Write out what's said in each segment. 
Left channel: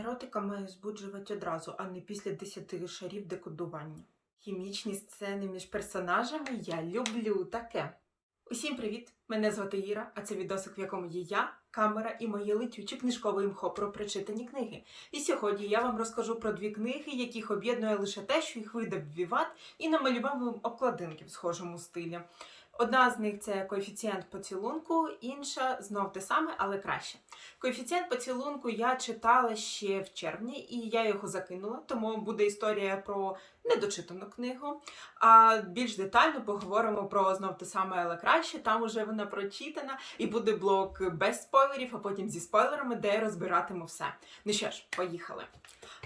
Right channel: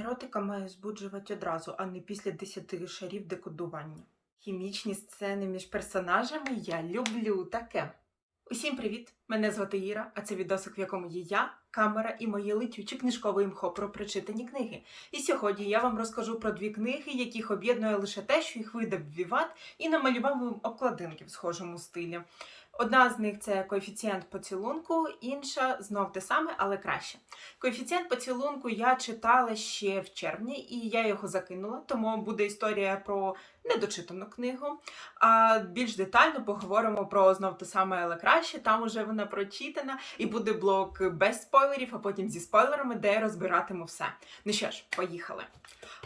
Еротика має збуджувати одразу, а не після 10 шарів декодування. Хімічні сцени між персонажами я люблю таке. Усім привіт! Мене звати Іра, а це відосик, в якому є я, камера і моє летюче книжкове імхо про прочитані книги. І сьогодні я вам розкажу про дві книги, яких об'єднує лише те, що їх видав Віват і намалював обкладинки в схожому стилі. Одна з них це коефіцієнт поцілунку, інша знов те саме, але краще. Коефіцієнт поцілунку я читала ще в червні, і я його закинула, тому буде історія про недочитану книгу. А більш детально поговоримо про знов те саме, але краще. Там уже вона прочитана, і буде блок без спойлерів, а потім зі спойлерами, де розбиратиму все. Ну що ж, поїхали.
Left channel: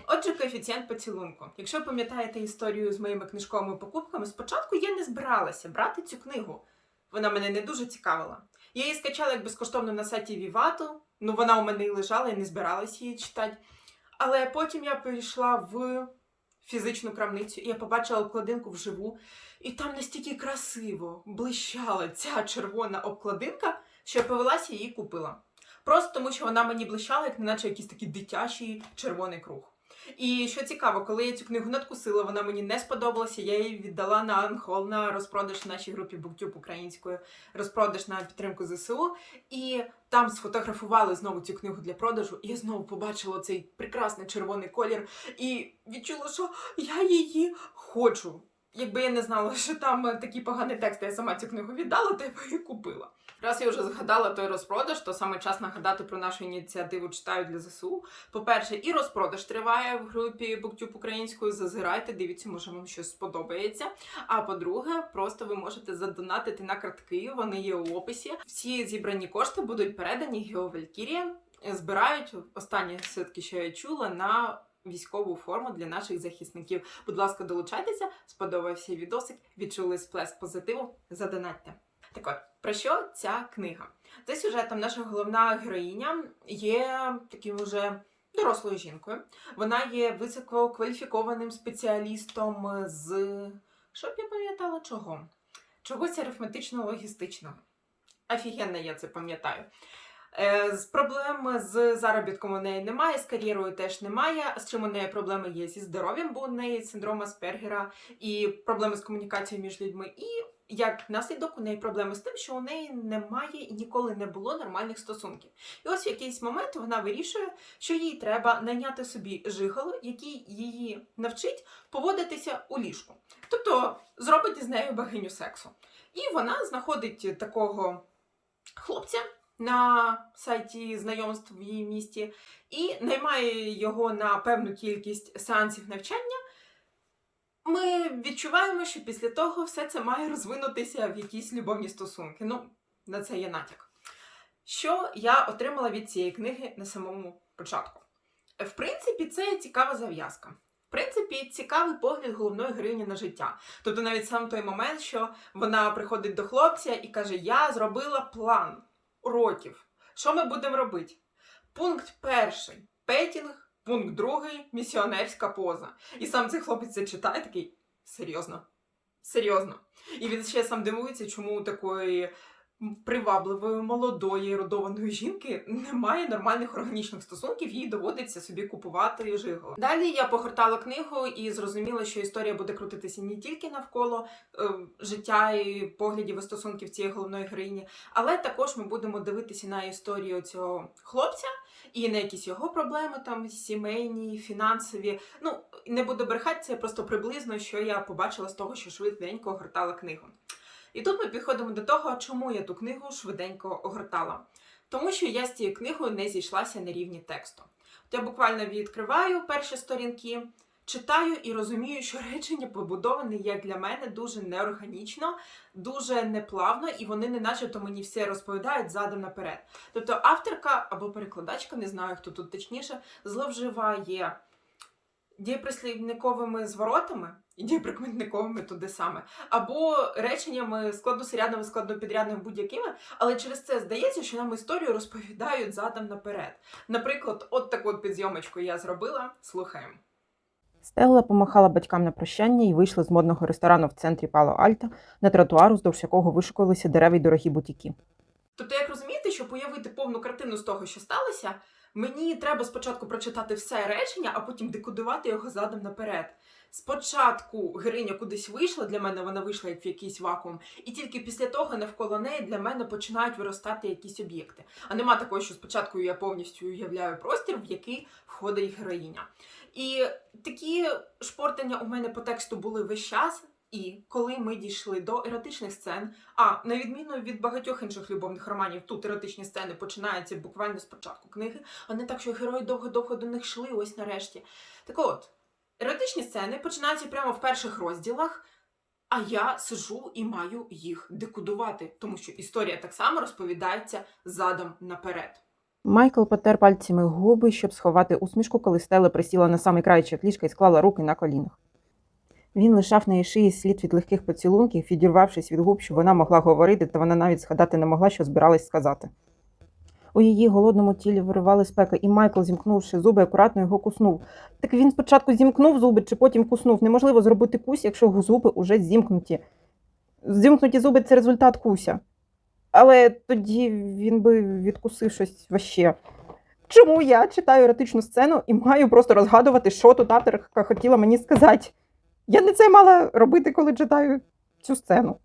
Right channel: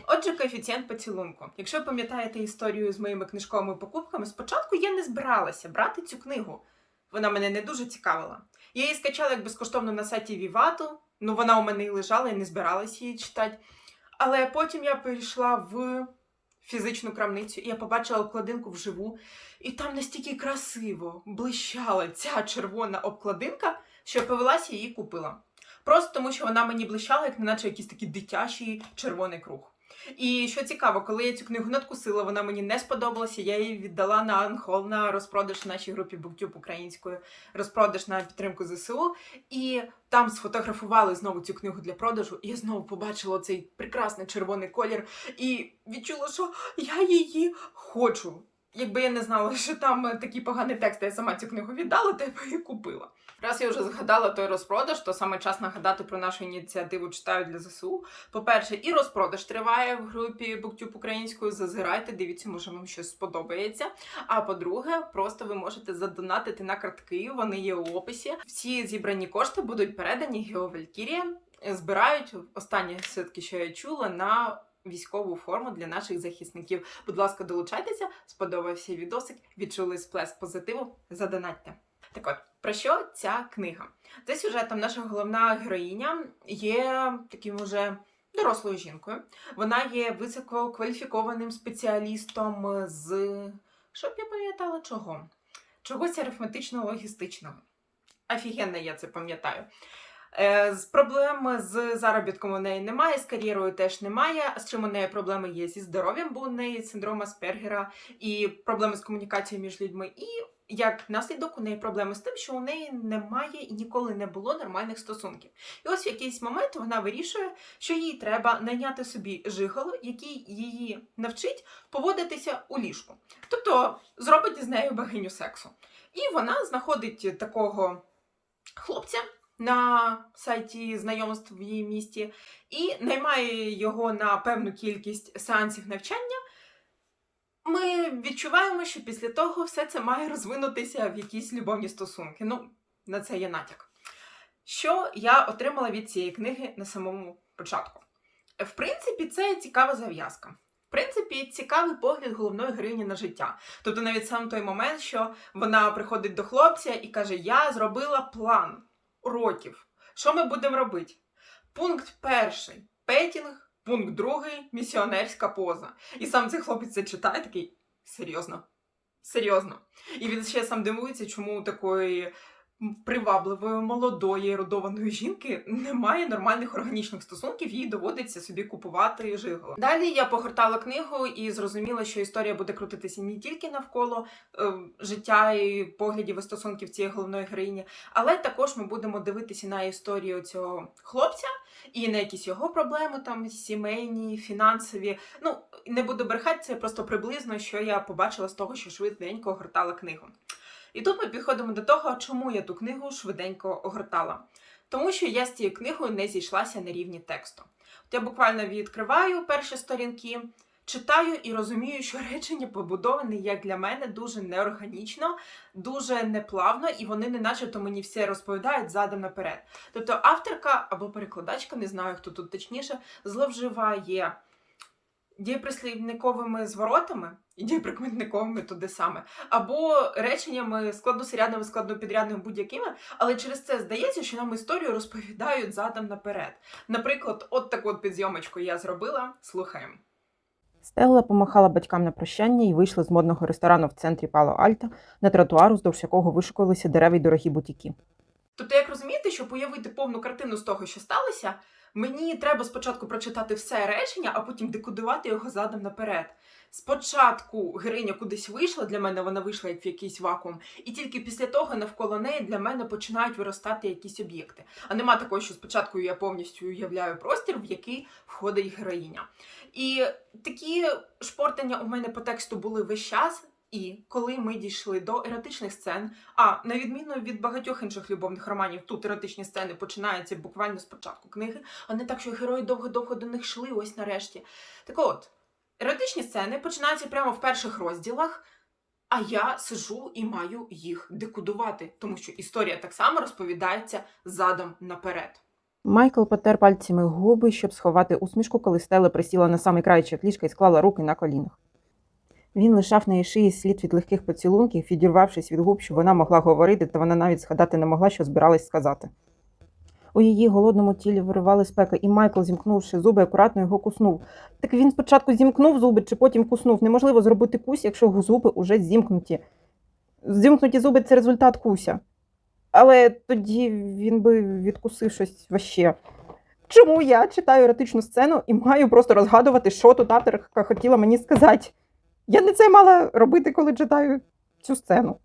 Отже, коефіцієнт поцілунку. Якщо ви пам'ятаєте історію з моїми книжковими покупками, спочатку я не збиралася брати цю книгу. Вона мене не дуже цікавила. Я її скачала як безкоштовно на сайті Вівату. Ну, вона у мене і лежала, я не збиралася її читати. Але потім я прийшла в фізичну крамницю, і я побачила обкладинку вживу, і там настільки красиво блищала ця червона обкладинка, що я повелася її купила. Просто тому, що вона мені блищала, як неначе якийсь такий дитячий червоний круг. І що цікаво, коли я цю книгу надкусила, вона мені не сподобалася. Я її віддала на Анхол на розпродаж в нашій групі BookTube українською, розпродаж на підтримку ЗСУ. І там сфотографували знову цю книгу для продажу. І я знову побачила цей прекрасний червоний колір і відчула, що я її хочу. Якби я не знала, що там е, такі погані тексти, я сама цю книгу віддала, то я б її купила. Раз я вже згадала той розпродаж, то саме час нагадати про нашу ініціативу читаю для ЗСУ. По-перше, і розпродаж триває в групі BookTube українською. Зазирайте, дивіться, може вам щось сподобається. А по-друге, просто ви можете задонатити на картки, вони є у описі. Всі зібрані кошти будуть передані Гео Валькірія. Збирають останні свідки, що я чула, на військову форму для наших захисників. Будь ласка, долучайтеся, сподобався відосик, відчули сплеск позитиву. Задонатьте. Так от, про що ця книга? За сюжетом наша головна героїня є таким уже дорослою жінкою. Вона є висококваліфікованим спеціалістом з щоб я пам'ятала чого? Чогось арифметично-логістичного. Офігенно, я це пам'ятаю. Е, З проблем з заробітком у неї немає, з кар'єрою теж немає. З чим у неї проблеми є зі здоров'ям, бо у неї синдром Аспергера і проблеми з комунікацією між людьми. І як наслідок у неї проблеми з тим, що у неї немає і ніколи не було нормальних стосунків. І ось в якийсь момент вона вирішує, що їй треба найняти собі жиголо, який її навчить поводитися у ліжку. Тобто зробить із нею богиню сексу. І вона знаходить такого хлопця на сайті знайомств в її місті і наймає його на певну кількість сеансів навчання. Ми відчуваємо, що після того все це має розвинутися в якісь любовні стосунки. Ну, на це є натяк. Що я отримала від цієї книги на самому початку? В принципі, це цікава зав'язка. В принципі, цікавий погляд головної героїні на життя. Тобто, навіть сам той момент, що вона приходить до хлопця і каже: Я зробила план уроків. Що ми будемо робити? Пункт перший петінг. Пункт другий місіонерська поза. І сам цей хлопець це читає такий серйозно. Серйозно. І він ще сам дивується, чому такої привабливої, молодої, ерудованої жінки немає нормальних органічних стосунків, їй доводиться собі купувати жиголо. Далі я погортала книгу і зрозуміла, що історія буде крутитися не тільки навколо е, життя і поглядів і стосунків цієї головної героїні, але також ми будемо дивитися на історію цього хлопця і на якісь його проблеми, там сімейні, фінансові. Ну, не буду брехати, це просто приблизно, що я побачила з того, що швиденько огортала книгу. І тут ми підходимо до того, чому я ту книгу швиденько огортала. Тому що я з цією книгою не зійшлася на рівні тексту. От я буквально відкриваю перші сторінки, читаю і розумію, що речення побудовані, як для мене, дуже неорганічно, дуже неплавно, і вони не начебто мені все розповідають задом наперед. Тобто авторка або перекладачка, не знаю хто тут точніше, зловживає дієприслівниковими зворотами і дієприкметниковими туди саме, або реченнями складносурядними, складнопідрядними будь-якими, але через це здається, що нам історію розповідають задом наперед. Наприклад, от таку от підйомочку я зробила. Слухаємо. Стелла помахала батькам на прощання і вийшла з модного ресторану в центрі Пало-Альто на тротуар, уздовж якого вишикувалися дерева й дорогі бутіки. Тобто, як розумієте, щоб уявити повну картину з того, що сталося, Мені треба спочатку прочитати все речення, а потім декодувати його задом наперед. Спочатку героїня кудись вийшла, для мене вона вийшла як в якийсь вакуум, і тільки після того навколо неї для мене починають виростати якісь об'єкти. А нема такого, що спочатку я повністю уявляю простір, в який входить героїня. І такі шпортання у мене по тексту були весь час. І коли ми дійшли до еротичних сцен, а на відміну від багатьох інших любовних романів, тут еротичні сцени починаються буквально з початку книги, а не так, що герої довго-довго до них йшли, ось нарешті. Так от, еротичні сцени починаються прямо в перших розділах, а я сижу і маю їх декодувати, тому що історія так само розповідається задом наперед. Майкл потер пальцями губи, щоб сховати усмішку, коли Стелла присіла на самий крайчик ліжка і склала руки на колінах. Він лишав на її шиї слід від легких поцілунків, відірвавшись від губ, щоб вона могла говорити, та вона навіть згадати не могла, що збиралась сказати. У її голодному тілі виривали спеки, і Майкл, зімкнувши зуби, акуратно його куснув. Так він спочатку зімкнув зуби, чи потім куснув. Неможливо зробити кусь, якщо зуби уже зімкнуті. Зімкнуті зуби це результат куся. Але тоді він би відкусив щось ваще. Чому я читаю еротичну сцену і маю просто розгадувати, що тут авторка хотіла мені сказати? Я не це мала робити, коли читаю цю сцену.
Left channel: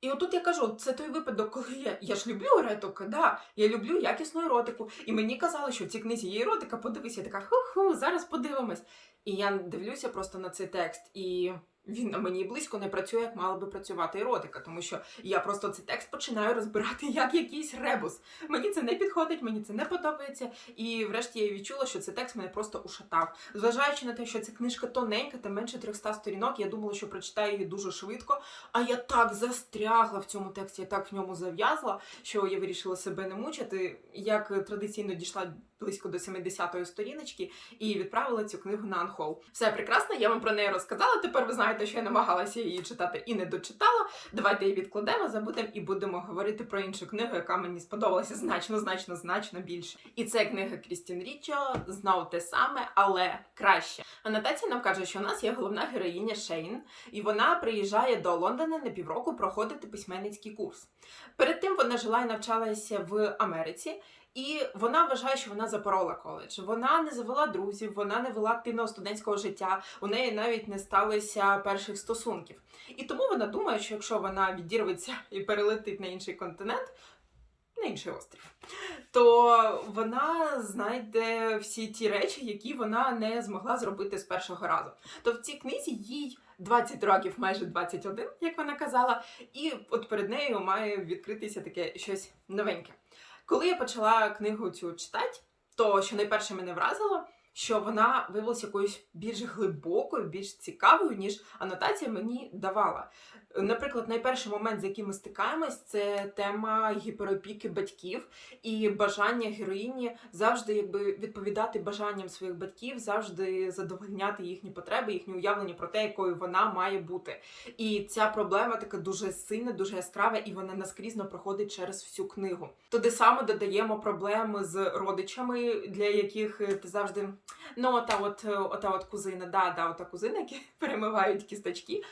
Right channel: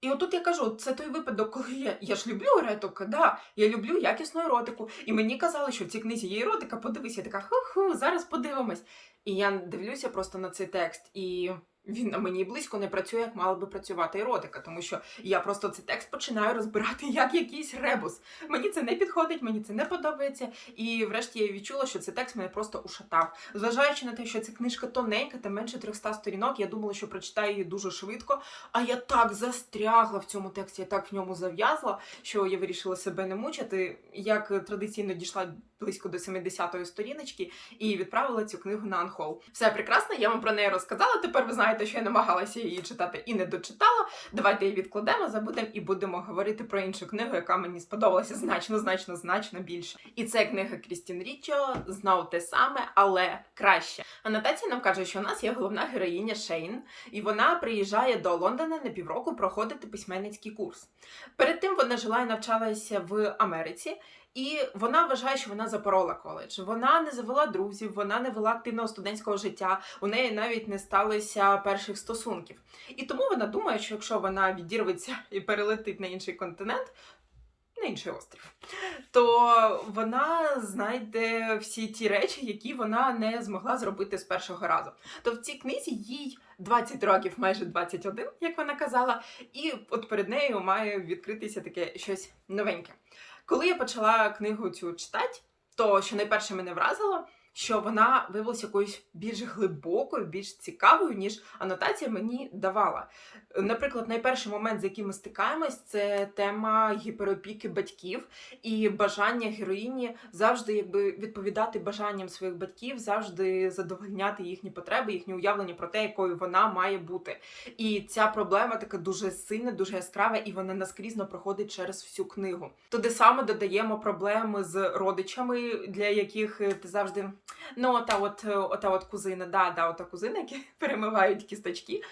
І отут я кажу, це той випадок, коли я, я ж люблю еротику, да, я люблю якісну еротику. І мені казали, що в цій книзі є еротика, подивись, я така ху-ху, зараз подивимось. І я дивлюся просто на цей текст, і він на мені близько не працює, як мала би працювати еротика, тому що я просто цей текст починаю розбирати як якийсь ребус. Мені це не підходить, мені це не подобається. І врешті я відчула, що цей текст мене просто ушатав. Зважаючи на те, що ця книжка тоненька та менше 300 сторінок, я думала, що прочитаю її дуже швидко. А я так застрягла в цьому тексті, я так в ньому зав'язла, що я вирішила себе не мучити. Як традиційно дійшла близько до 70-ї сторіночки і відправила цю книгу на анхол. Все прекрасно, я вам про неї розказала. Тепер ви знаєте, що я намагалася її читати і не дочитала. Давайте її відкладемо, забудемо і будемо говорити про іншу книгу, яка мені сподобалася значно, значно, значно більше. І це книга Крістін Річо, знов те саме, але краще. Анотація нам каже, що у нас є головна героїня Шейн, і вона приїжджає до Лондона на півроку проходити письменницький курс. Перед тим вона жила і навчалася в Америці. І вона вважає, що вона запорола коледж. Вона не завела друзів, вона не вела активного студентського життя. У неї навіть не сталося перших стосунків. І тому вона думає, що якщо вона відірветься і перелетить на інший континент, на інший острів, то вона знайде всі ті речі, які вона не змогла зробити з першого разу. То в цій книзі їй 20 років, майже 21, як вона казала, і от перед нею має відкритися таке щось новеньке. Коли я почала книгу цю читати, то що найперше мене вразило, що вона виявилася якоюсь більш глибокою, більш цікавою, ніж анотація мені давала. Наприклад, найперший момент, з яким ми стикаємось, це тема гіперопіки батьків і бажання героїні завжди якби відповідати бажанням своїх батьків, завжди задовольняти їхні потреби, їхні уявлення про те, якою вона має бути. І ця проблема така дуже сильна, дуже яскрава, і вона наскрізно проходить через всю книгу. Туди саме додаємо проблеми з родичами, для яких е, ти завжди ну ота от е, ота от кузина, да, да, ота кузина, які перемивають кісточки.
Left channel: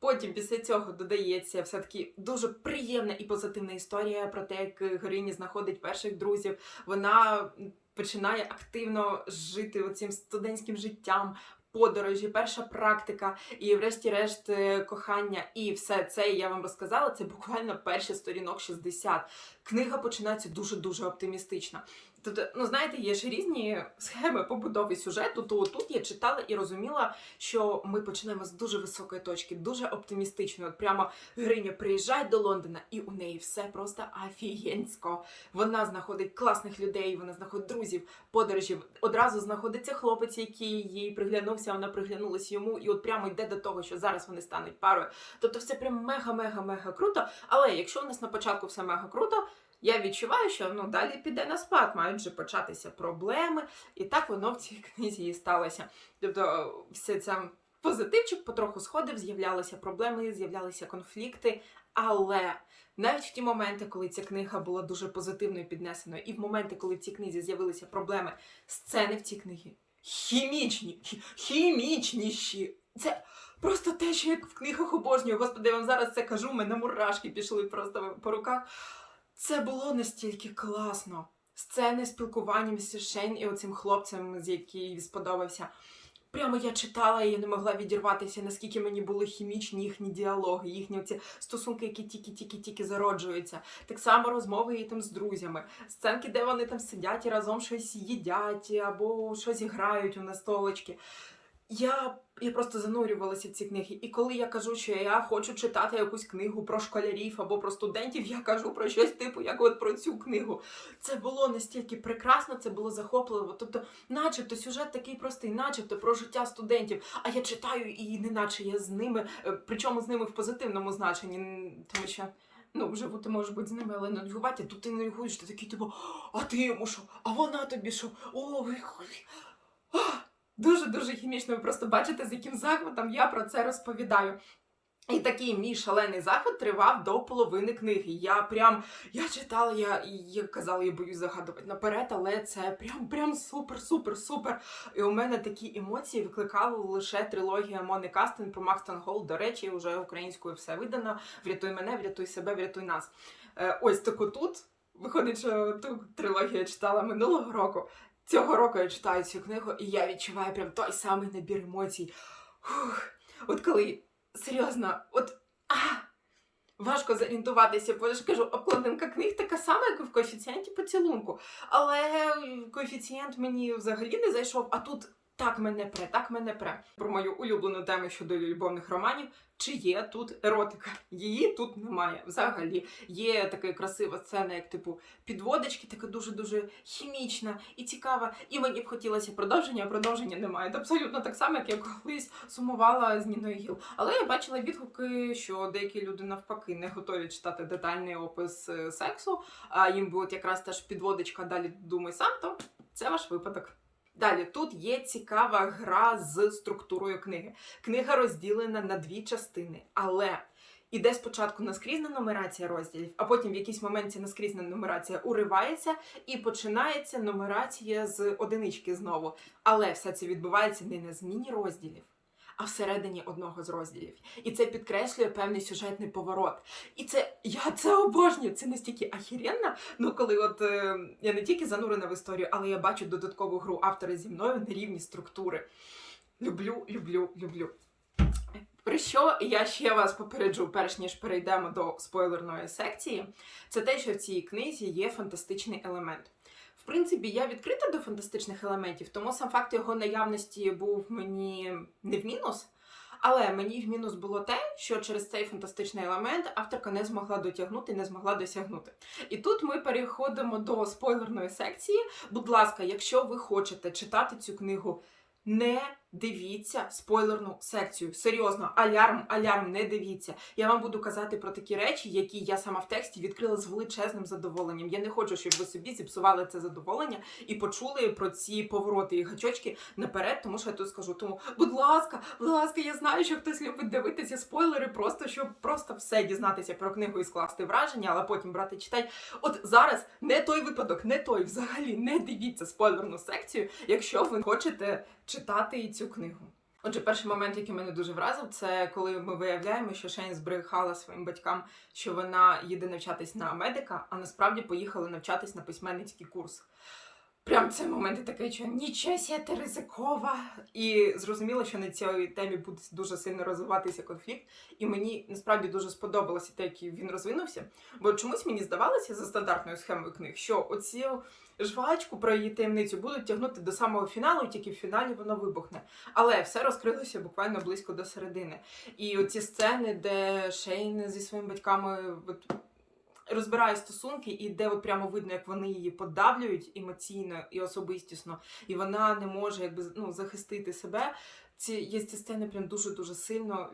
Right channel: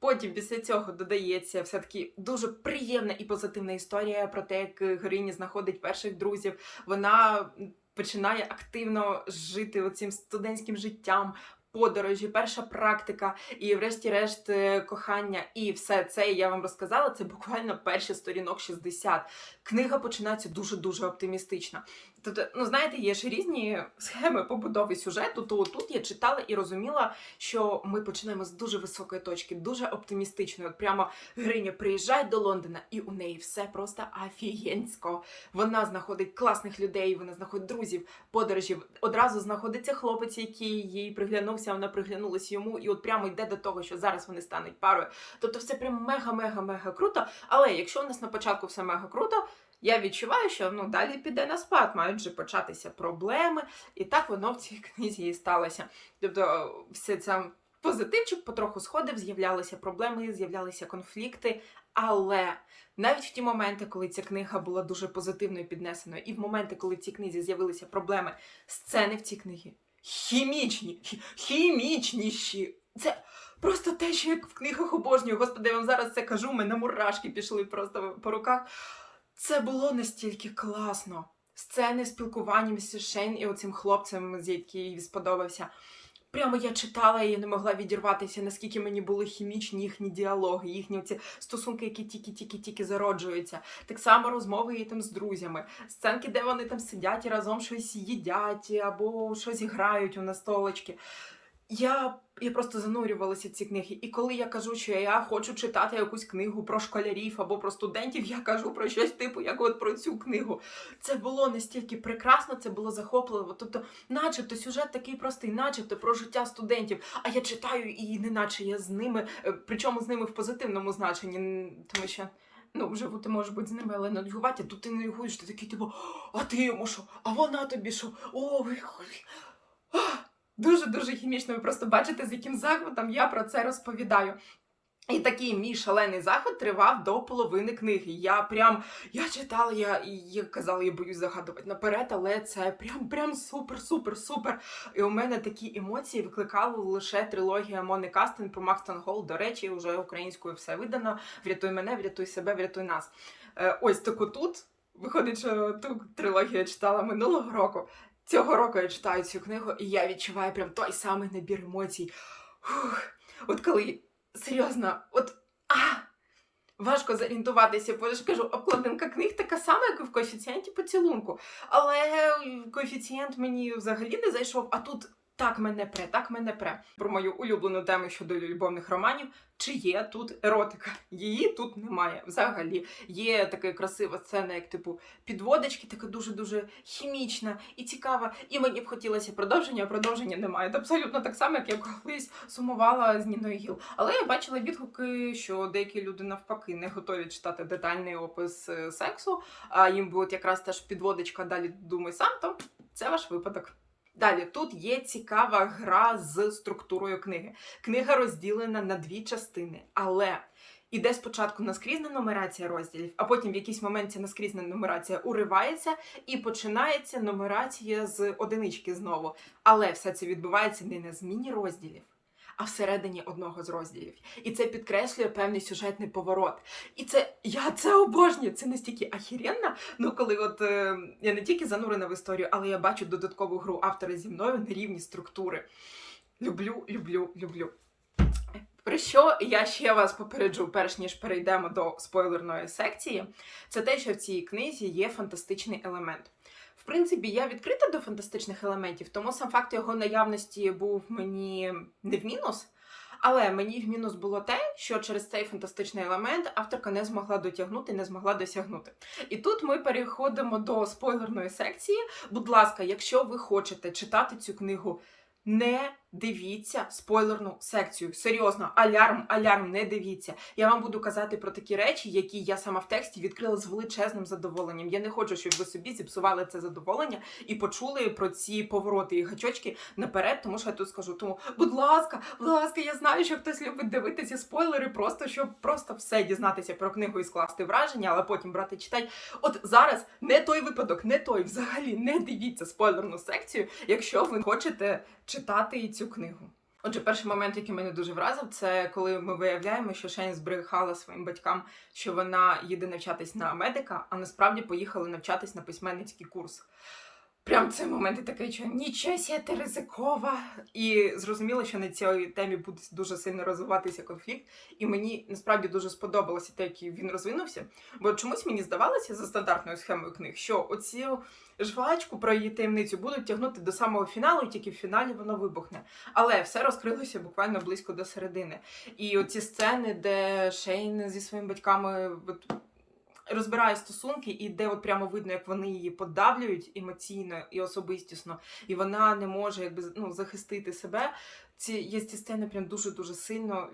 Потім після цього додається все таки дуже приємна і позитивна історія про те, як героїня знаходить перших друзів. Вона починає активно жити оцим студентським життям. Подорожі, перша практика, і, врешті-решт, е, кохання, і все це я вам розказала. Це буквально перші сторінок 60. Книга починається дуже дуже оптимістично. Тобто, ну знаєте, є ж різні схеми побудови сюжету. То тут я читала і розуміла, що ми починаємо з дуже високої точки, дуже оптимістичної. От прямо героїня приїжджає до Лондона, і у неї все просто афієнсько. Вона знаходить класних людей, вона знаходить друзів, подорожів. Одразу знаходиться хлопець, який їй приглянувся, вона приглянулась йому, і от прямо йде до того, що зараз вони стануть парою. Тобто, все прям мега-мега-мега круто. Але якщо у нас на початку все мега круто. Я відчуваю, що ну далі піде на спад, мають вже початися проблеми, і так воно в цій книзі і сталося. Тобто, все це позитивчик потроху сходив, з'являлися проблеми, з'являлися конфлікти. Але навіть в ті моменти, коли ця книга була дуже позитивною піднесеною, і в моменти, коли в цій книзі з'явилися проблеми, сцени в цій книгі хімічні, хімічніші. Це просто те, що як в книгах обожнюю. Господи, я вам зараз це кажу, мене мурашки пішли просто по руках. Це було настільки класно. сцени спілкування між Шейн і оцим хлопцем, з який їй сподобався. Прямо я читала і не могла відірватися, наскільки мені були хімічні їхні діалоги, їхні оці стосунки, які тільки-тільки-тільки зароджуються. Так само розмови її там з друзями, сценки, де вони там сидять і разом щось їдять або щось грають у настолочки. Я, я просто занурювалася ці книги. І коли я кажу, що я хочу читати якусь книгу про школярів або про студентів, я кажу про щось типу, як от про цю книгу. Це було настільки прекрасно, це було захопливо. Тобто, начебто, сюжет такий простий, начебто про життя студентів. А я читаю і неначе я з ними, е, причому з ними в позитивному значенні, тому що. Ну, живу ти можеш бути з ними, але нудьгувати, тут ти нудьгуєш, ти такий, типу, а ти йому що? А вона тобі що? О, ви Дуже-дуже хімічно. Ви просто бачите, з яким захватом я про це розповідаю. І такий мій шалений захват тривав до половини книги. Я прям я читала, я, я казала, я боюсь загадувати наперед, але це прям прям супер, супер, супер. І у мене такі емоції викликала лише трилогія Мони Кастин про Макстон Гол. До речі, вже українською все видано. Врятуй мене, врятуй себе, врятуй нас. Е, ось таку тут. Виходить, що ту трилогію я читала минулого року. Цього року я читаю цю книгу, і я відчуваю прям той самий набір емоцій. Фух. От коли серйозно, от а, важко зорієнтуватися, бо я ж кажу, обкладинка книг така сама, як і в коефіцієнті поцілунку. Але коефіцієнт мені взагалі не зайшов, а тут так мене пре, так мене пре. Про мою улюблену тему щодо любовних романів. Чи є тут еротика? Її тут немає взагалі. Є така красива сцена, як типу підводочки, така дуже-дуже хімічна і цікава. І мені б хотілося продовження, а продовження немає. Це абсолютно так само, як я колись сумувала з Ніною Гіл. Але я бачила відгуки, що деякі люди навпаки не готові читати детальний опис е, сексу, а їм би от якраз теж підводочка далі думай сам, то це ваш випадок. Далі тут є цікава гра з структурою книги. Книга розділена на дві частини, але іде спочатку наскрізна нумерація розділів, а потім в якийсь момент ця наскрізна нумерація уривається і починається нумерація з одинички знову. Але все це відбувається не на зміні розділів. А всередині одного з розділів. І це підкреслює певний сюжетний поворот. І це я це обожнюю. Це настільки ахіренно. Ну, коли от е, я не тільки занурена в історію, але я бачу додаткову гру автора зі мною на рівні структури. Люблю, люблю, люблю. Про що я ще вас попереджу, перш ніж перейдемо до спойлерної секції, це те, що в цій книзі є фантастичний елемент. Принципі, я відкрита до фантастичних елементів, тому сам факт його наявності був мені не в мінус. Але мені в мінус було те, що через цей фантастичний елемент авторка не змогла дотягнути, не змогла досягнути. І тут ми переходимо до спойлерної секції. Будь ласка, якщо ви хочете читати цю книгу, не дивіться спойлерну секцію. Серйозно, алярм, алярм, не дивіться. Я вам буду казати про такі речі, які я сама в тексті відкрила з величезним задоволенням. Я не хочу, щоб ви собі зіпсували це задоволення і почули про ці повороти і гачочки наперед, тому що я тут скажу. Тому, будь ласка, будь ласка, я знаю, що хтось любить дивитися спойлери, просто щоб просто все дізнатися про книгу і скласти враження, але потім брати читати. От зараз не той випадок, не той. Взагалі не дивіться спойлерну секцію, якщо ви хочете читати цю книгу. Отже, перший момент, який мене дуже вразив, це коли ми виявляємо, що Шейн збрехала своїм батькам, що вона їде навчатись на медика, а насправді поїхала навчатись на письменницький курс. Прям цей момент і такий, що нічого сі, ти ризикова. І зрозуміло, що на цій темі буде дуже сильно розвиватися конфлікт. І мені насправді дуже сподобалося те, як він розвинувся. Бо чомусь мені здавалося за стандартною схемою книг, що оцю жвачку про її таємницю будуть тягнути до самого фіналу, і тільки в фіналі воно вибухне. Але все розкрилося буквально близько до середини. І оці сцени, де Шейн зі своїми батьками розбирає стосунки, і де от прямо видно, як вони її подавлюють емоційно і особистісно, і вона не може якби ну, захистити себе. Ці я ці сцени прям дуже дуже сильно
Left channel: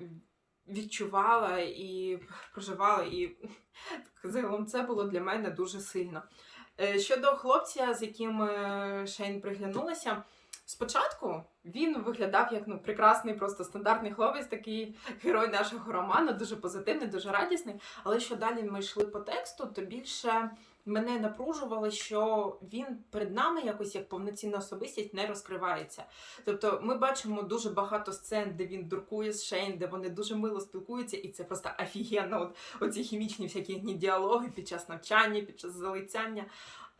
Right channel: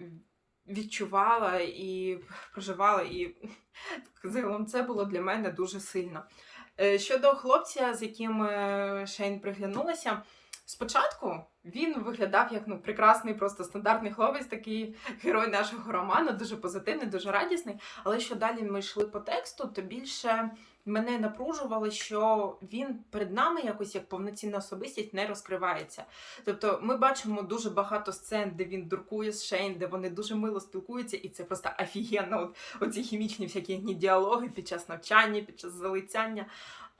відчувала і проживала, і загалом це було для мене дуже сильно. Е, Щодо хлопця, з яким е, Шейн приглянулася, спочатку він виглядав як ну прекрасний, просто стандартний хлопець, такий герой нашого роману, дуже позитивний, дуже радісний. Але що далі ми йшли по тексту, то більше мене напружувало, що він перед нами якось як повноцінна особистість не розкривається. Тобто ми бачимо дуже багато сцен, де він дуркує з Шейн, де вони дуже мило спілкуються, і це просто офігенно. От оці хімічні всякі діалоги під час навчання, під час залицяння.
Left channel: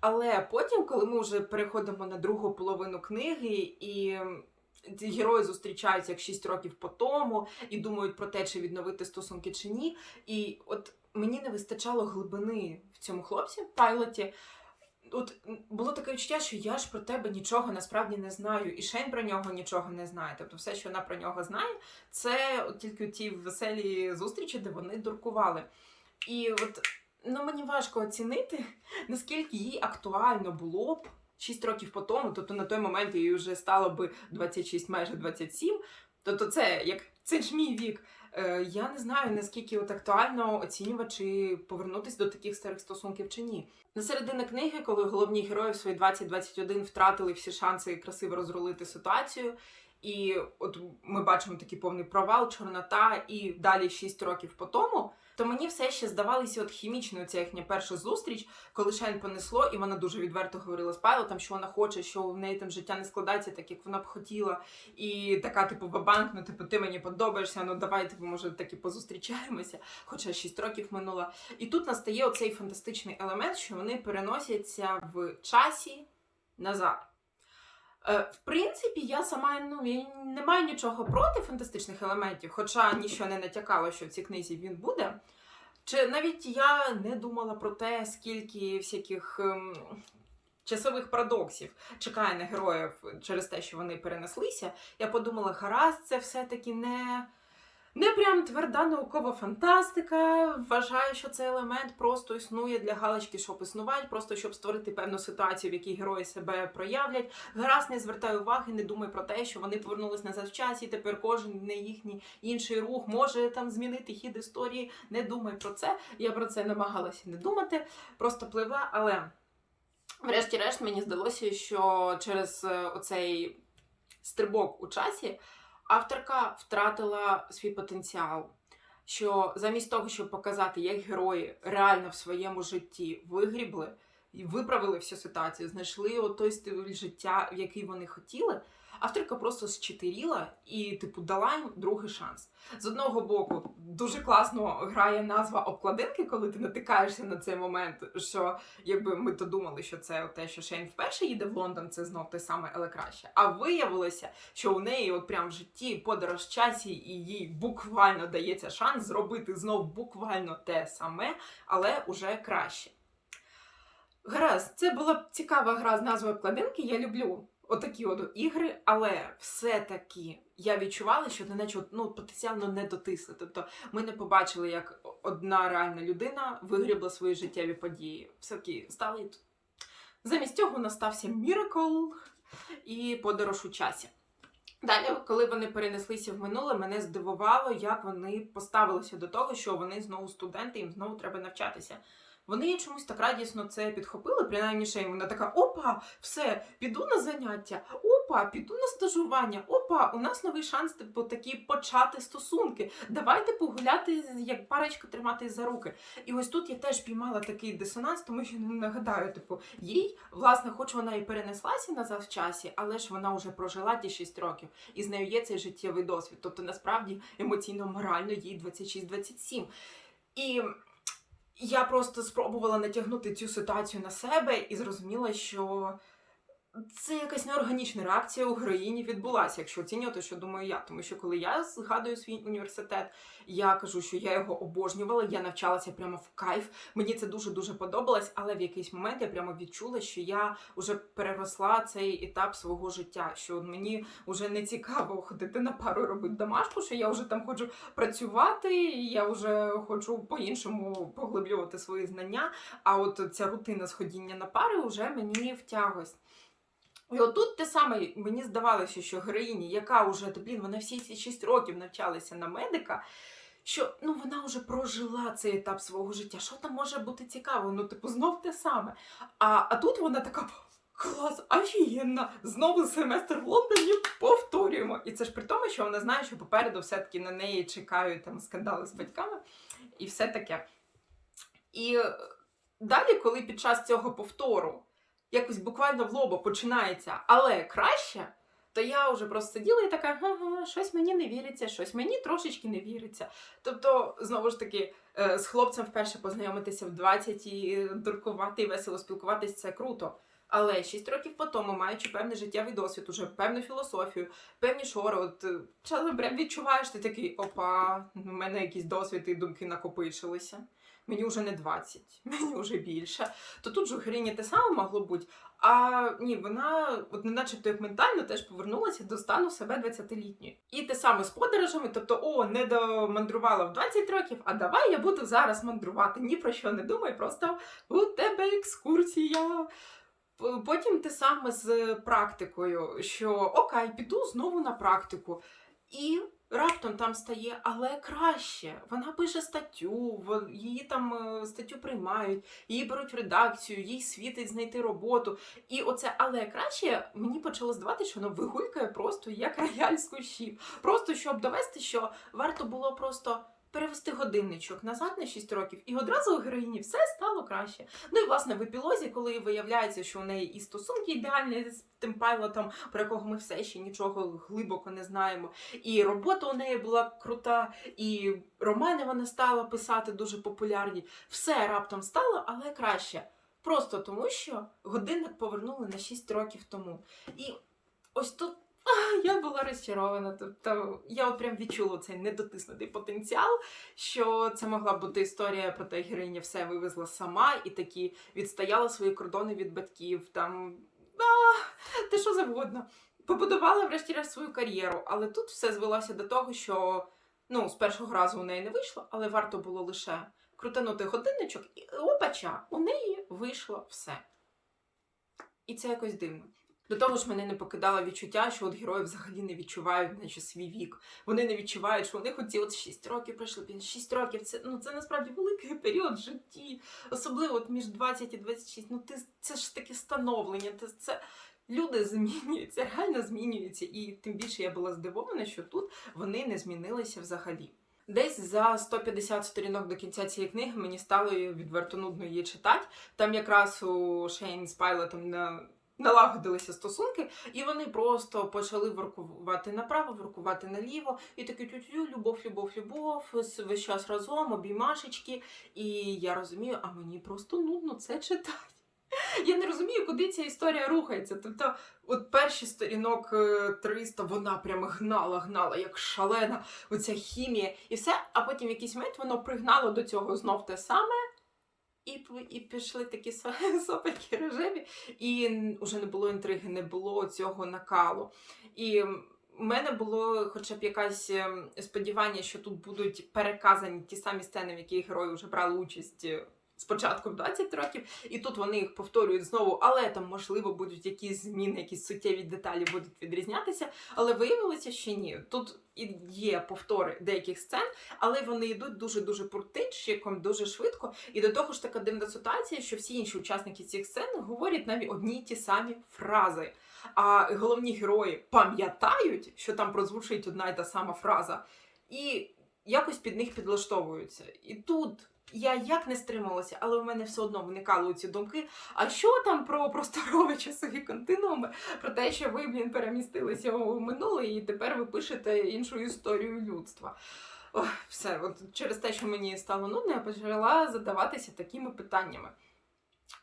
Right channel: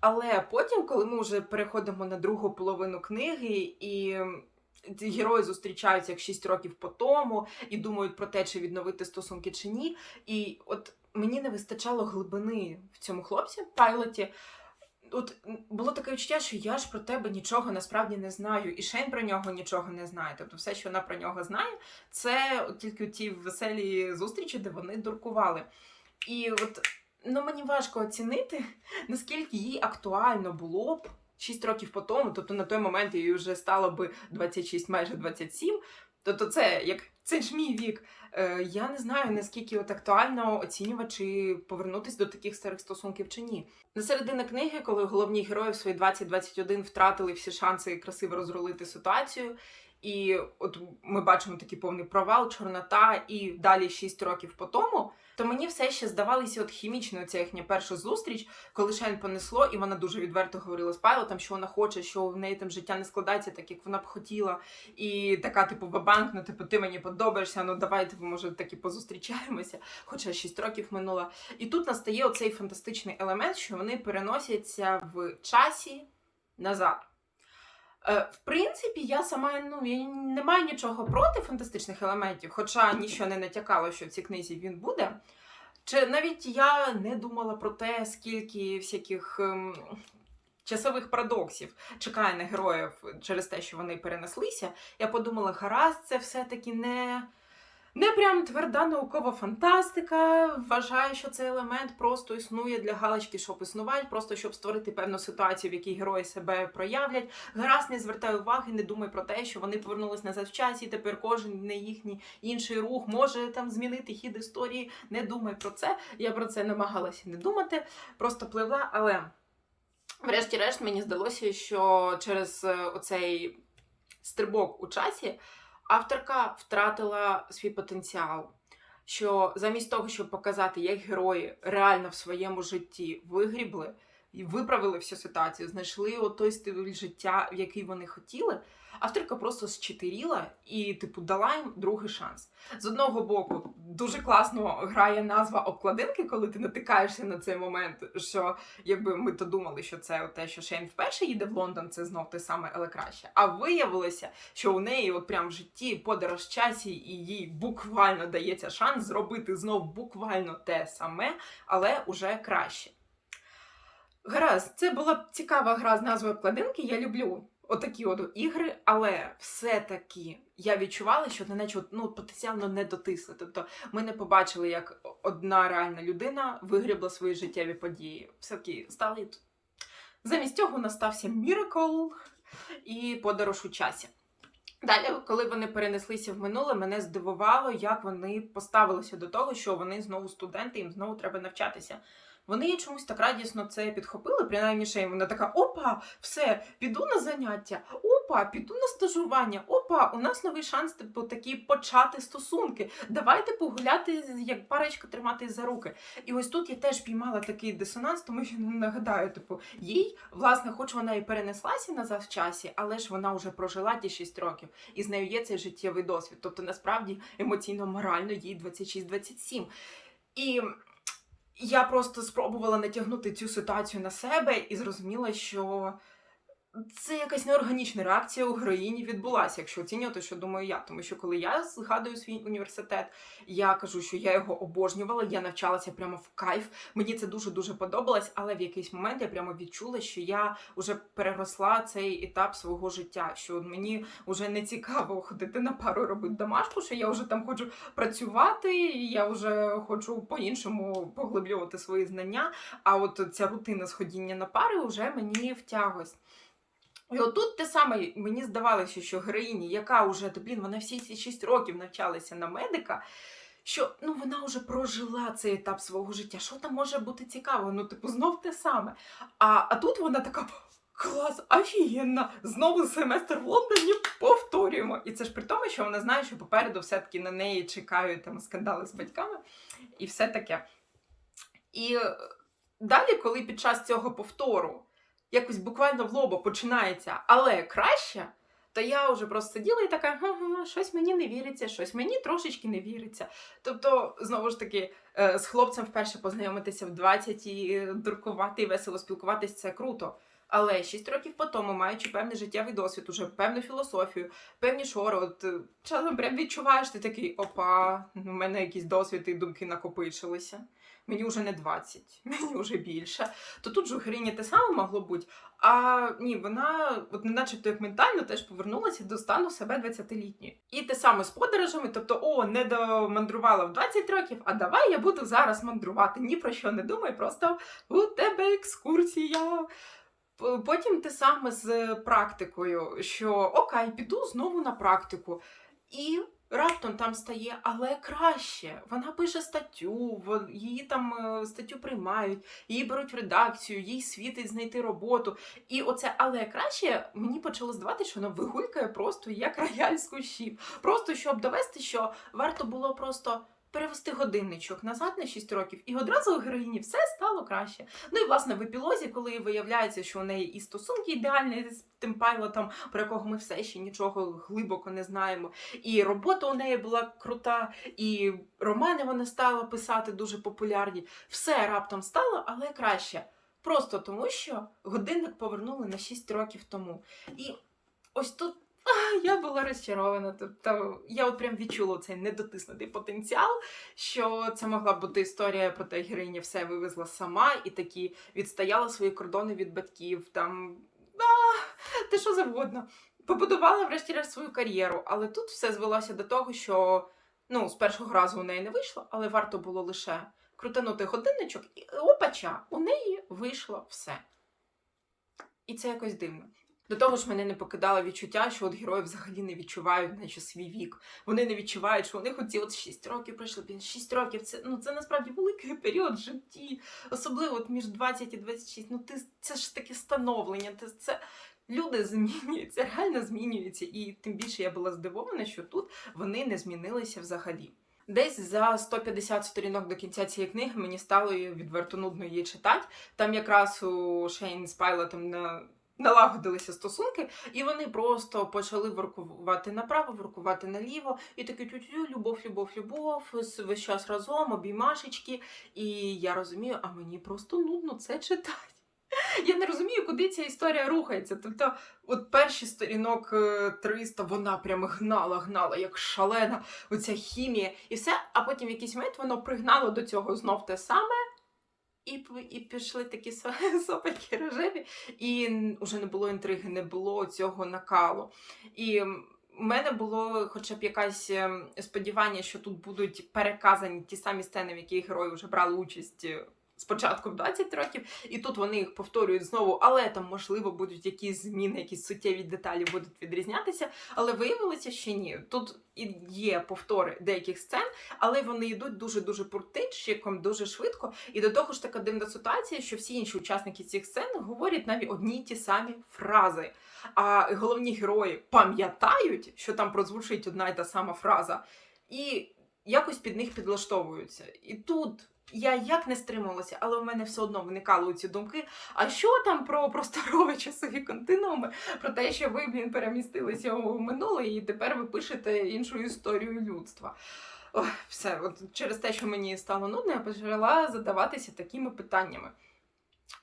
Але потім, коли ми вже переходимо на другу половину книги, і герої зустрічаються як 6 років по тому, і думають про те, чи відновити стосунки чи ні. І от мені не вистачало глибини в цьому хлопці, пайлоті. От було таке відчуття, що я ж про тебе нічого насправді не знаю, і Шейн про нього нічого не знає. Тобто, все, що вона про нього знає, це от тільки ті веселі зустрічі, де вони дуркували. І от ну мені важко оцінити, наскільки їй актуально було б 6 років по тому, тобто на той момент їй вже стало би 26, майже 27. Тобто, це як це ж мій вік. Е, я не знаю наскільки от актуально оцінювати, чи повернутись до таких старих стосунків чи ні. На середині книги, коли головні герої в свої 20-21 втратили всі шанси красиво розрулити ситуацію. І от ми бачимо такий повний провал, чорнота, і далі 6 років по тому. То мені все ще здавалося от хімічною ця їхня перша зустріч, коли Шайн понесло, і вона дуже відверто говорила з пайлотом, що вона хоче, що в неї там життя не складається так, як вона б хотіла. І така, типу, бабанк, ну типу, ти мені подобаєшся, ну давай, типу, може, таки позустрічаємося, хоча 6 років минуло. І тут настає оцей фантастичний елемент, що вони переносяться в часі назад. Е, В принципі, я сама ну, я не маю нічого проти фантастичних елементів, хоча нічого не натякало, що в цій книзі він буде. Чи навіть я не думала про те, скільки всяких ем, часових парадоксів чекає на героїв через те, що вони перенеслися. Я подумала, гаразд, це все-таки не, не прям тверда наукова фантастика. Вважаю, що цей елемент просто існує для галочки, щоб існувати, просто щоб створити певну ситуацію, в якій герої себе проявлять. Гаразд, не звертай уваги, не думай про те, що вони повернулись назад в часі. Тепер кожен не їхній інший рух може там змінити хід історії. Не думай про це. Я про це намагалася не думати, просто пливла, але. Врешті-решт мені здалося, що через е, оцей стрибок у часі авторка втратила свій потенціал. Що замість того, щоб показати, як герої реально в своєму житті вигрібли і виправили всю ситуацію, знайшли той стиль життя, в який вони хотіли, авторка просто зчетиріла і, типу, дала їм другий шанс. З одного боку, дуже класно грає назва обкладинки, коли ти натикаєшся на цей момент, що якби ми то думали, що це те, що Шейн вперше їде в Лондон, це знов те саме, але краще. А виявилося, що у неї, от прям в житті, подорож часі, і їй буквально дається шанс зробити знов буквально те саме, але уже краще. Гаразд, це була цікава гра з назвою обкладинки. Я люблю отакі от ігри, але все-таки я відчувала, що на неї ну, потенціально не дотисли. Тобто ми не побачили, як одна реальна людина вигрібла свої життєві події. Все-таки стали. Замість цього настався міракл і подорож у часі. Далі, коли вони перенеслися в минуле, мене здивувало, як вони поставилися до того, що вони знову студенти, їм знову треба навчатися. Вони чомусь так радісно це підхопили, принаймні Шейн. Вона така: опа, все, піду на заняття, опа, піду на стажування, опа, у нас новий шанс типу, такі почати стосунки. Давайте погуляти, як парочка тримати за руки. І ось тут я теж піймала такий дисонанс, тому що не нагадаю, типу, їй, власне, хоч вона і перенеслася назад в часі, але ж вона вже прожила ті 6 років, і з нею є цей життєвий досвід. Тобто, насправді, емоційно, морально їй 26-27. І я просто спробувала натягнути цю ситуацію на себе і зрозуміла, що це якась неорганічна реакція у героїні відбулася, якщо оцінювати, що думаю я. Тому що коли я згадую свій університет, я кажу, що я його обожнювала, я навчалася прямо в кайф. Мені це дуже дуже подобалось, але в якийсь момент я прямо відчула, що я вже переросла цей етап свого життя. Що мені вже не цікаво ходити на пару і робити домашку, що я вже там хочу працювати, і я вже хочу по-іншому поглиблювати свої знання. А от ця рутина сходіння на пари вже мені втяглась. І отут те саме мені здавалося, що героїні, яка вже блін, вона всі ці 6 років навчалася на медика, що ну вона вже прожила цей етап свого життя. Що там може бути цікаво? Ну, типу, знов те саме. А, а тут вона така. Клас, офігенно! Знову семестр в Лондоні повторюємо. І це ж при тому, що вона знає, що попереду все-таки на неї чекають там скандали з батьками і все таке. І е, далі, коли під час цього повтору якось буквально в лоба починається, але краще, то я вже просто сиділа і така, ага, щось мені не віриться, щось мені трошечки не віриться. Тобто, знову ж таки, е, з хлопцем вперше познайомитися в 20 і дуркувати і весело спілкуватись це круто. Але 6 років по тому, маючи певний життєвий досвід, уже певну філософію, певні шори, от е, часом прям відчуваєш, ти такий опа, у мене якийсь досвід і думки накопичилися. Мені вже не 20, мені вже більше. То тут же у героїні те саме могло бути. А ні, вона, от не начебто як ментально, теж повернулася до стану себе 20-літньої. І те саме з подорожами, тобто, о, не домандрувала в 20 років, а давай я буду зараз мандрувати. Ні про що не думай, просто у тебе екскурсія. Потім те саме з практикою, що окей, піду знову на практику. І раптом там стає, але краще. Вона пише статтю, її там е, статтю приймають, її беруть в редакцію, їй світить знайти роботу. І оце але краще мені почало здавати, що воно вигулькає просто як рояль кущів. Просто щоб довести, що варто було просто. Перевести годинничок назад на 6 років, і одразу у героїні все стало краще. Ну і власне в епілозі, коли виявляється, що у неї і стосунки ідеальні з тим пайлотом, про якого ми все ще нічого глибоко не знаємо, і робота у неї була крута, і романи вона стала писати дуже популярні. Все раптом стало, але краще. Просто тому, що годинник повернули на 6 років тому. І ось тут. Я була розчарована. Тобто я от прям відчула цей недотиснутий потенціал, що це могла бути історія про те, героїня все вивезла сама і такі відстояла свої кордони від батьків. Там а, те що завгодно. Побудувала врешті-решт свою кар'єру, але тут все звелося до того, що ну, з першого разу у неї не вийшло, але варто було лише крутанути годинничок, і опача, у неї вийшло все. І це якось дивно. До того ж, мене не покидало відчуття, що от герої взагалі не відчувають наче свій вік. Вони не відчувають, що у них оці от 6 років пройшло. 6 років це ну це насправді великий період в житті. Особливо от між 20 і 26. Ну ти це ж таке становлення. Це, це люди змінюються, реально змінюються. І тим більше я була здивована, що тут вони не змінилися взагалі. Десь за 150 сторінок до кінця цієї книги мені стало відверто нудно її читати. Там якраз у Шейн з Пайлотом на налагодилися стосунки, і вони просто почали воркувати направо, воркувати наліво, і такі тютю, любов, любов, весь час разом, обіймашечки. І я розумію, а мені просто нудно це читати. Я не розумію, куди ця історія рухається. Тобто, от перші сторінок е, 300 вона прям гнала, гнала, як шалена, оця хімія, і все. А потім в якийсь момент воно пригнало до цього знов те саме. І, і пішли такі со- сопельки рожеві, і вже не було інтриги, не було цього накалу. І у мене було хоча б якесь ем, сподівання, що тут будуть переказані ті самі сцени, в яких герої вже брали участь. Спочатку в 20 років, і тут вони їх повторюють знову, але там, можливо, будуть якісь зміни, якісь суттєві деталі будуть відрізнятися. Але виявилося, що ні. Тут і є повтори деяких сцен, але вони йдуть дуже дуже пуртинчиком, дуже швидко. І до того ж така дивна ситуація, що всі інші учасники цих сцен говорять навіть одні й ті самі фрази. А головні герої пам'ятають, що там прозвучить одна й та сама фраза, і якось під них підлаштовуються. І тут. Я як не стрималася, але в мене все одно виникали ці думки. А що там про просторові часові континууми? Про те, що ви блін, перемістилися у минуле, і тепер ви пишете іншу історію людства. Ох, все, от через те, що мені стало нудно, я почала задаватися такими питаннями.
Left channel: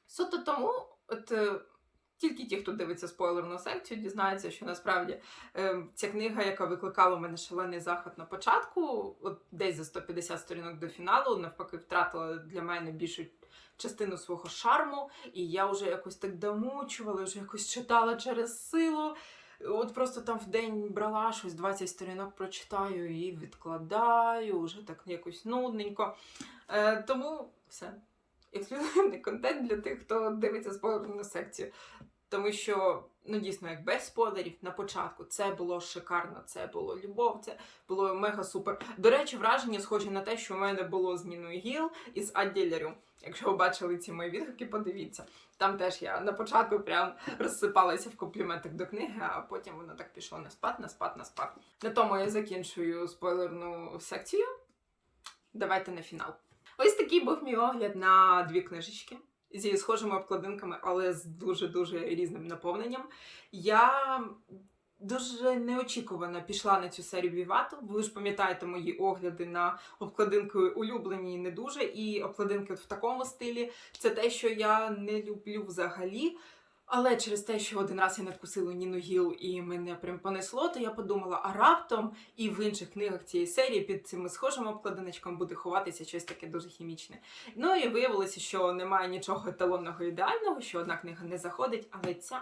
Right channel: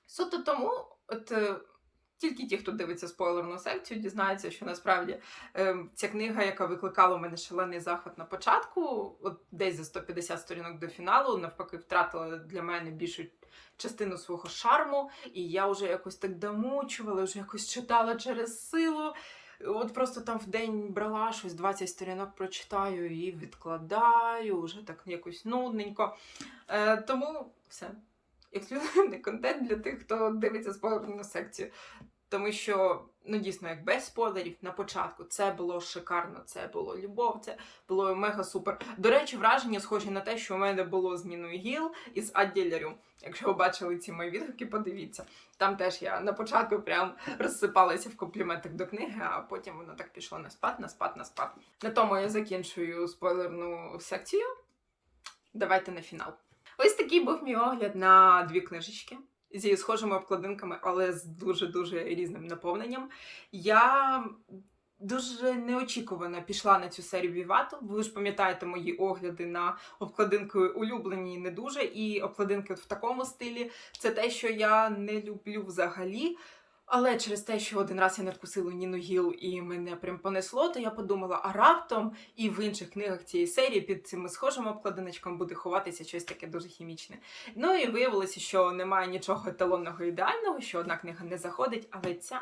Суто тому, от е, тільки ті, хто дивиться спойлерну секцію, дізнаються, що насправді е, ця книга, яка викликала у мене шалений захват на початку, от десь за 150 сторінок до фіналу, навпаки, втратила для мене більшу частину свого шарму, і я вже якось так домучувала, вже якось читала через силу. От просто там в день брала щось 20 сторінок прочитаю і відкладаю, вже так якось нудненько. Е, тому все. Ексклюзивний контент для тих, хто дивиться спойлерну секцію. Тому що, ну дійсно, як без спойлерів на початку це було шикарно, це було любов, це було мега супер. До речі, враження схожі на те, що у мене було з Ніною Гіл і з Адділярю. Якщо ви бачили ці мої відгуки, подивіться. Там теж я на початку прям розсипалася в компліментах до книги, а потім воно так пішло на спад, на спад, на спад. На тому я закінчую спойлерну секцію. Давайте на фінал. Ось такий був мій огляд на дві книжечки зі схожими обкладинками, але з дуже дуже різним наповненням. Я дуже неочікувано пішла на цю серію Вівату. Ви ж пам'ятаєте мої огляди на обкладинки улюблені не дуже, і обкладинки в такому стилі. Це те, що я не люблю взагалі. Але через те, що один раз я надкусила Ніну Гіл і мене прям понесло, то я подумала, а раптом і в інших книгах цієї серії під цими схожими обкладиночком буде ховатися щось таке дуже хімічне. Ну і виявилося, що немає нічого еталонного ідеального, що одна книга не заходить, але ця,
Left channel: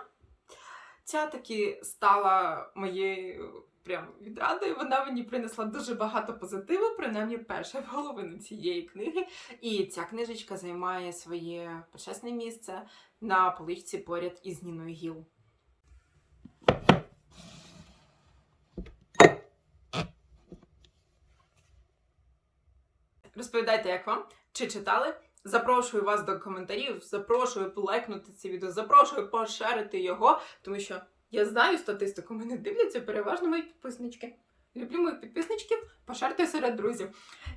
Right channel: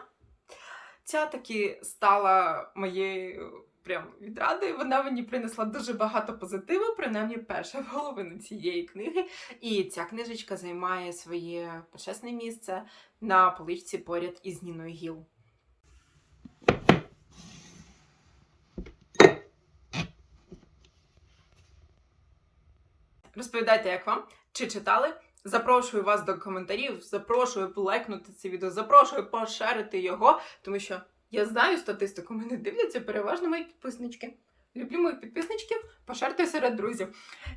ця таки стала моєю прям відрадою. Вона мені принесла дуже багато позитиву, принаймні перша половина цієї книги. І ця книжечка займає своє почесне місце на поличці поряд із Ніною Гіл. Розповідайте, як вам? Чи читали? Запрошую вас до коментарів, запрошую полайкнути це відео, запрошую пошерити його, тому що я знаю статистику, мене дивляться переважно мої підписнички. Люблю моїх підписничків, пошерте серед друзів.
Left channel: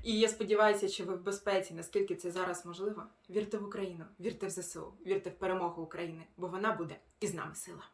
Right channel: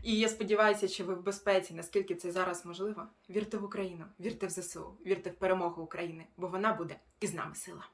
І я сподіваюся, що ви в безпеці, наскільки це зараз можливо. Вірте в Україну, вірте в ЗСУ, вірте в перемогу України, бо вона буде і нами сила.